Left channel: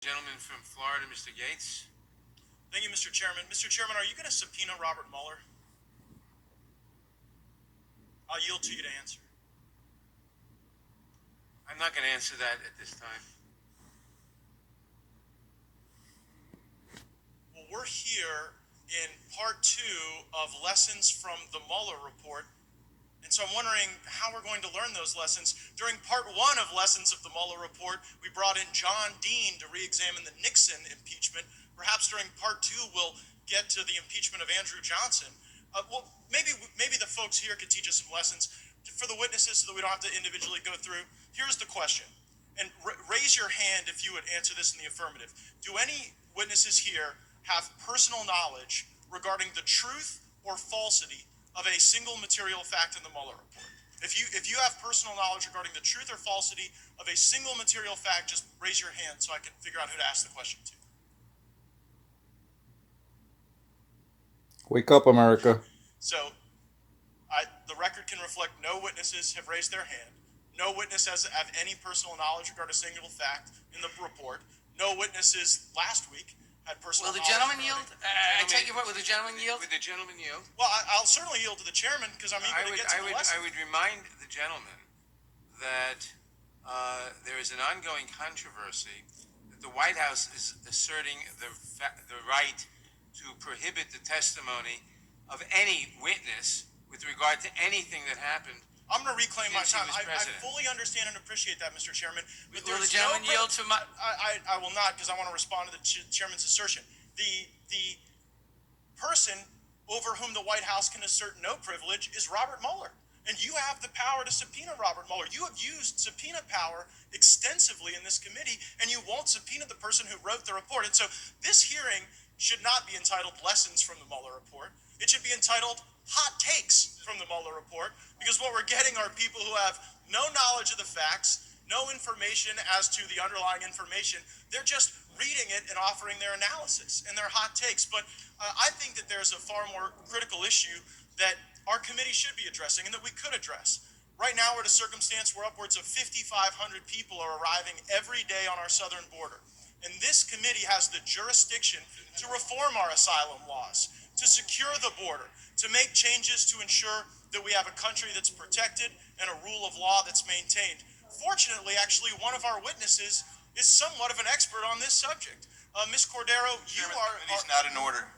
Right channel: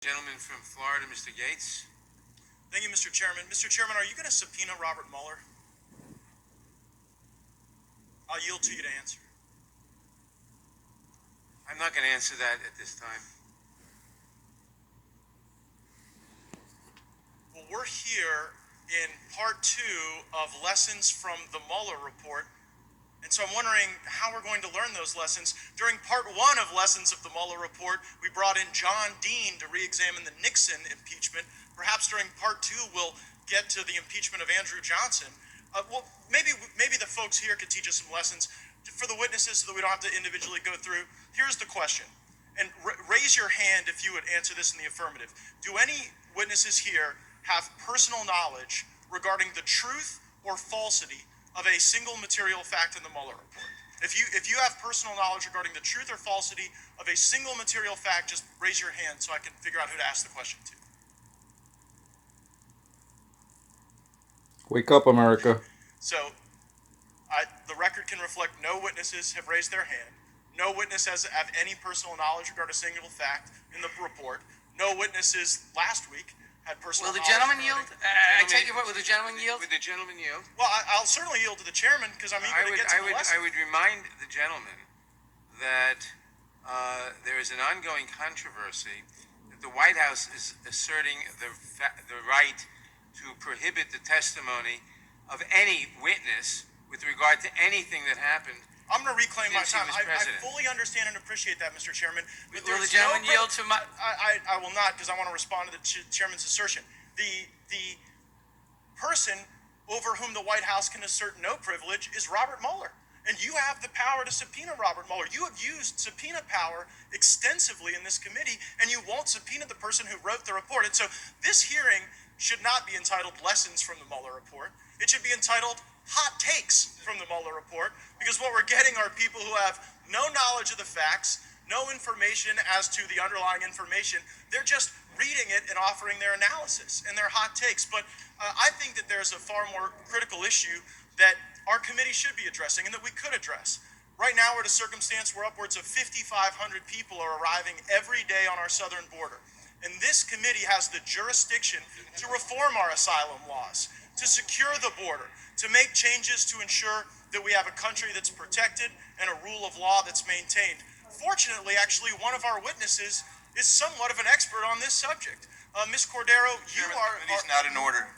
Gentleman from Florida, Mr. Gates. Thank you, Mr. Chairman. Mr. Chairman, are you going to subpoena Robert Mueller? I'll yield to you to answer. I'm not going to answer that at this time. Well, we're here in part 2 of lessons from the Mueller report. And so I'm wondering how we're going to learn those lessons. During part 1 of lessons of the Mueller report, we brought in John Dean to re-examine the Nixon impeachment. Perhaps during part 2, we'll get to the impeachment of Andrew Johnson. Maybe the folks here could teach us some lessons for the witnesses so that we don't have to individually go through. Here's the question, and raise your hand if you would answer this in the affirmative. Do any witnesses here have personal knowledge regarding the truth or falsity of a single material fact in the Mueller report? If you have personal knowledge regarding the truth or falsity of a single material fact, just raise your hand so I can figure out who to ask the question to. Wake up, America. So the record can reflect no witnesses have raised their hand. No witness has any personal knowledge regarding a single fact in the report. No witnesses last week had personal Will the knowledge. gentleman yield? I take your vote. Will the gentleman yield? Would the gentleman yield? Well, I'll certainly yield to the chairman because I'm eager to get to the lesson. I would remind the gentleman that there is an ongoing controversy that the White House is asserting the right to prohibit the testimony of any witness with regard to anything that happened. I'm going to reclaim my time. I president. fully understand and appreciate that, Mr. Chairman. But Will the gentleman yield to my... I will not, because I want to respond to the chairman's assertion. The person over whom the White House can assert no privilege is Robert Mueller. And you have the power to subpoena Robert Mueller. You have used subpoena power extensively in this committee, and you won't subpoena the person who wrote the report. And so this hearing should not be entitled Lessons from the Mueller report. It should be entitled Hot Takes from the Mueller report, because what we're getting are people who have no knowledge of the facts, no information as to the underlying information. They're just reading it and offering their analysis and their hot takes. But I think that there's a far more critical issue that our committee should be addressing and that we could address. Right now, we're at a circumstance where upwards of 5,500 people are arriving every day on our southern border. And this committee has the jurisdiction to reform our asylum laws, to secure the border, to make changes to ensure that we have a country that's protected and a rule of law that's maintained. Fortunately, actually, one of our witnesses is somewhat of an expert on this subject. Ms. Cordero, you are... The committee's not in order.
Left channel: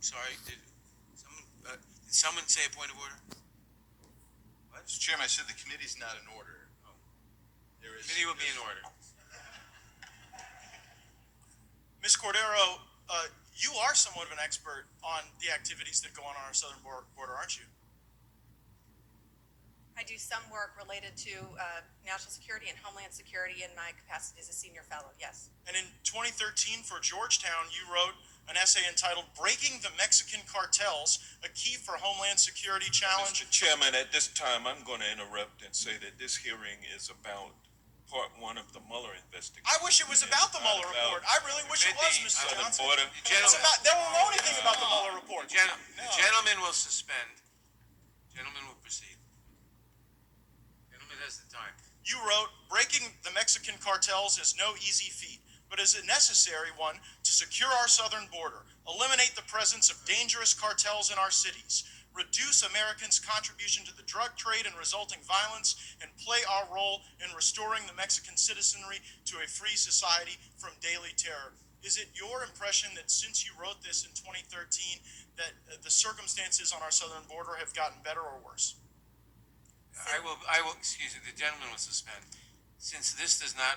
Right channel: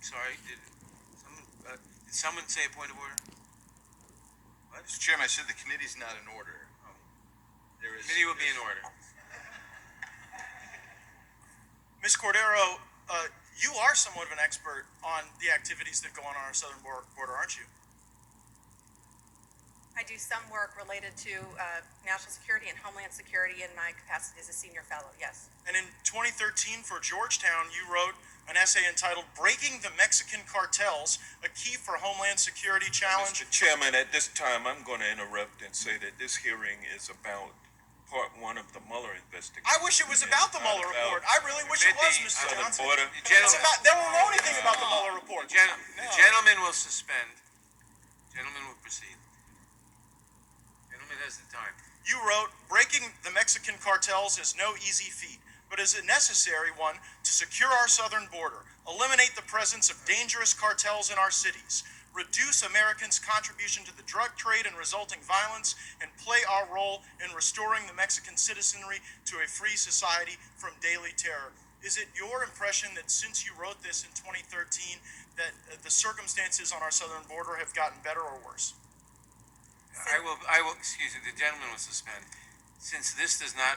Sorry, did someone say a point of order? What? Mr. Chairman, I said the committee's not in order. The committee will be in order. Ms. Cordero, you are somewhat of an expert on the activities that go on our southern border, aren't you? I do some work related to national security and homeland security in my capacity as a senior fellow, yes. And in 2013 for Georgetown, you wrote an essay entitled Breaking the Mexican Cartels, a Key for Homeland Security Challenge. Mr. Chairman, at this time, I'm going to interrupt and say that this hearing is about part 1 of the Mueller investigation. I wish it was about the Mueller report. I really wish it was, Mr. Johnson. They won't know anything about the Mueller report. The gentleman will suspend. Gentleman will proceed. Gentleman has the time. You wrote, breaking the Mexican cartels is no easy feat, but is a necessary one to secure our southern border, eliminate the presence of dangerous cartels in our cities, reduce Americans' contribution to the drug trade and resulting violence, and play our role in restoring the Mexican citizenry to a free society from daily terror. Is it your impression that since you wrote this in 2013, that the circumstances on our southern border have gotten better or worse? I will, excuse me, the gentleman will suspend. Since this does not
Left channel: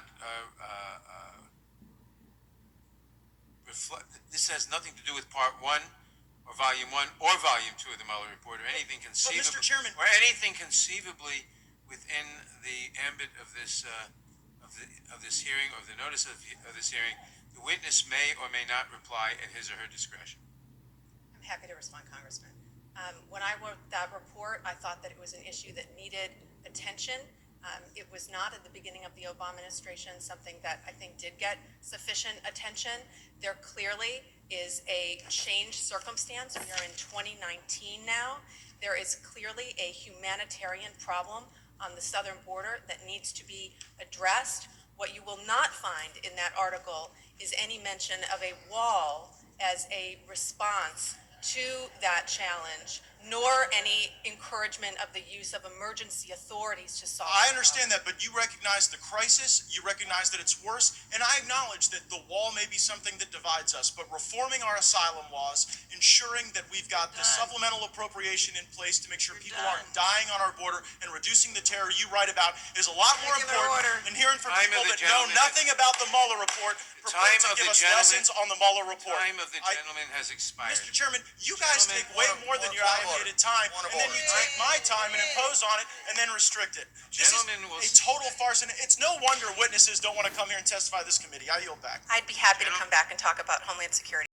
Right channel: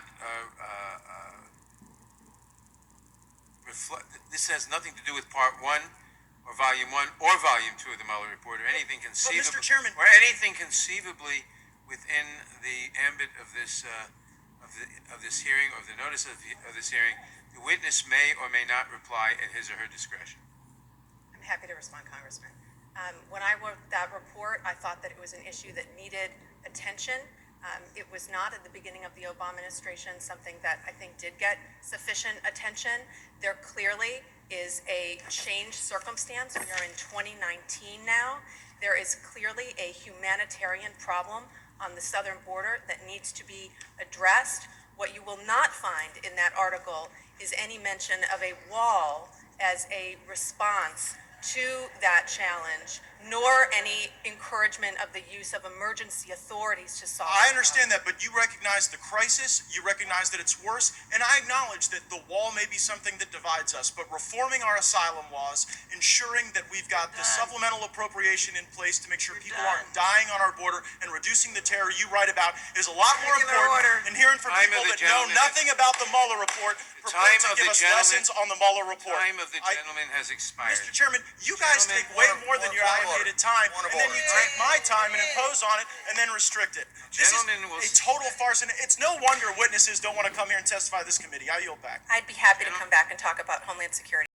reflect, this has nothing to do with part 1 or volume 1 or volume 2 of the Mueller report or anything conceivably, Mr. Chairman, or anything conceivably within the ambit of this hearing, or the notice of this hearing. The witness may or may not reply at his or her discretion. I'm happy to respond, Congressman. When I wrote that report, I thought that it was an issue that needed attention. It was not at the beginning of the Obama administration something that I think did get sufficient attention. There clearly is a changed circumstance. We are in 2019 now. There is clearly a humanitarian problem on the southern border that needs to be addressed. What you will not find in that article is any mention of a wall as a response to that challenge, nor any encouragement of the use of emergency authorities to solve I the understand that, but you recognize the crisis, you recognize that it's worse, and I acknowledge that the wall may be something that divides us, but reforming our asylum laws, ensuring that we've got the supplemental appropriation in place to make sure people aren't dying on our border, and reducing the terror you write about is a lot more important than hearing from Time people of the that know gentleman. nothing about the Mueller report, Time purport to of give the us gentleman. lessons on the Mueller report. Time of the gentleman has expired. Mr. Chairman, you guys Gentlemen, take way more than your point of allocated order. time, Point of and then order. you take my time and impose on it, and then restrict it. This is Gentlemen will a total farce, and it's no wonder witnesses don't want to come here and testify to this committee. I yield back. I'd be happy to come back and talk about Homeland Security.